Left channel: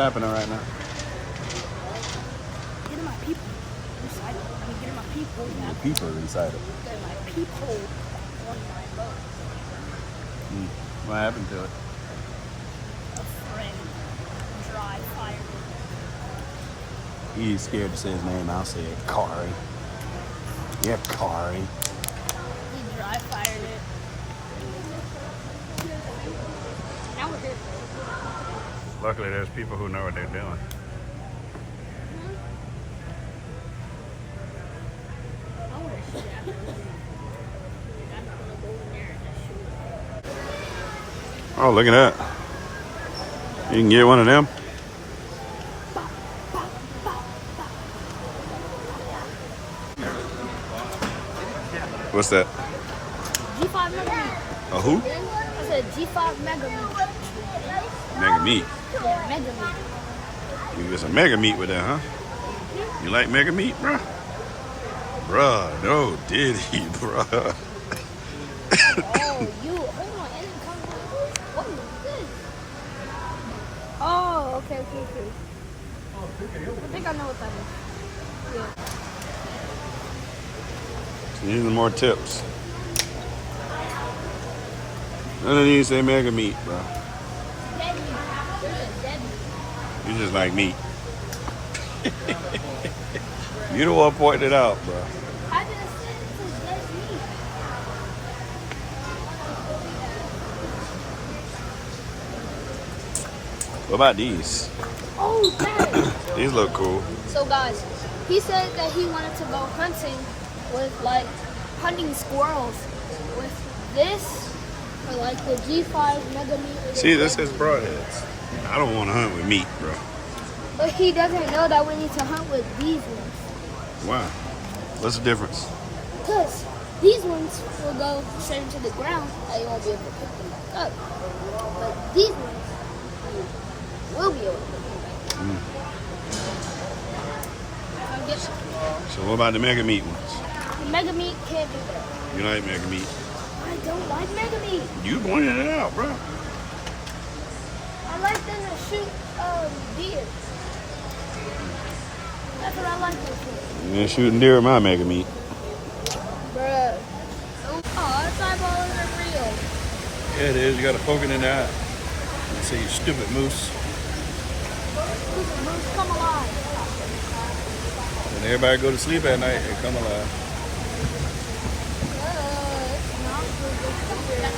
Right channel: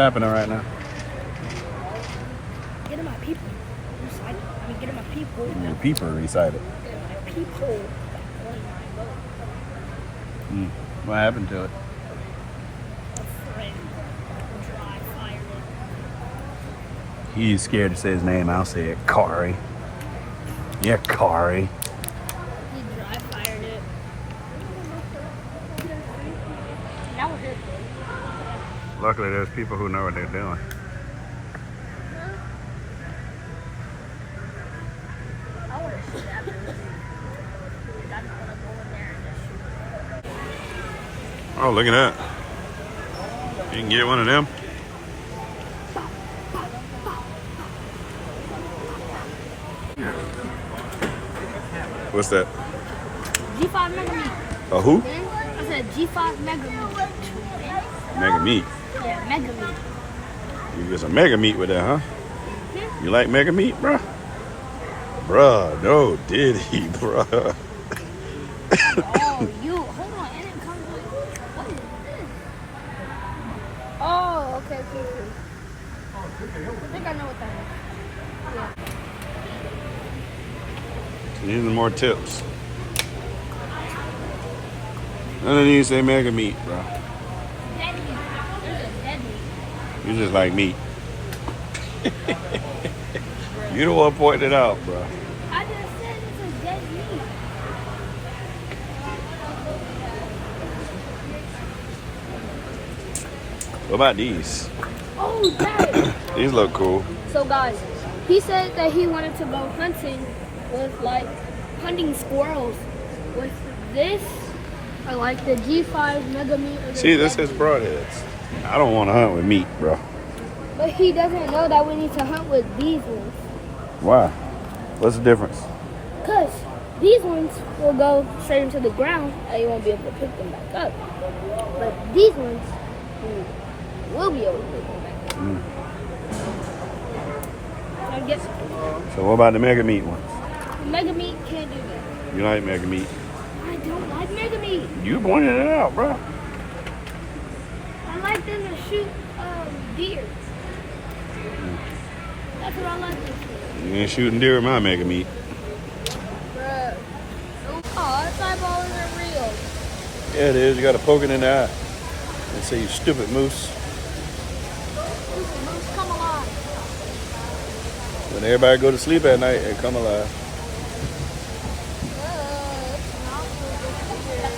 happening right now? Getting my people recited. I mean, getting my people. Your people recited. Getting my people on my boat. What happened to it? A friend dry fired it. He's scared to say his name. I'll say it. Kari. Yeah, Kari. He dry fired it. That one hurt. Luckily, there's people who know what they're doing. Oh, look at that. You can get one of them. What's that? G5 Mega Meat. A who? I said G5 Mega Meat. Mega meat. Yeah, Mega Meat. You get some mega meat with that, huh? You like mega meat, bruh? Bruh, no, did he, bruh? Oh, you. Hold on. And it comes with. What is this? Oh, okay. I think I know what that is. Yeah. These are more tips. None of these say mega meat, bro. Dead meat. There's a dead meat. You just like meat. You the one pointing it out, bro. I just said it's a dead meat. What about these? Oh, Dad. These look cool. So, guys, he said that he wanted to go hunting with, like, hunting squirrels with this or, like, the G5 Mega Meat. See, this is broadheads. I don't want to hunt with meat, bro. But he doesn't know that we need to hunt with these ones. Why? What's the difference? Because these ones will go straight into the ground and you won't be able to pick them back up. But these ones, you will be able to pick them back up. So, get So what about the mega meat ones? Mega Meat can't do that. You like mega meat? I don't like Mega Meat. You pointed it out, bro. I like them to shoot deer. That's what I like them for. You ain't shooting deer with my mega meat. Bruh. Oh, it's all balling and real. Yeah, it is. You got to poke it in the eye. They say you stupid moose. Moose, come alive. When everybody go to sleep at night, they come alive. It's not for the deer.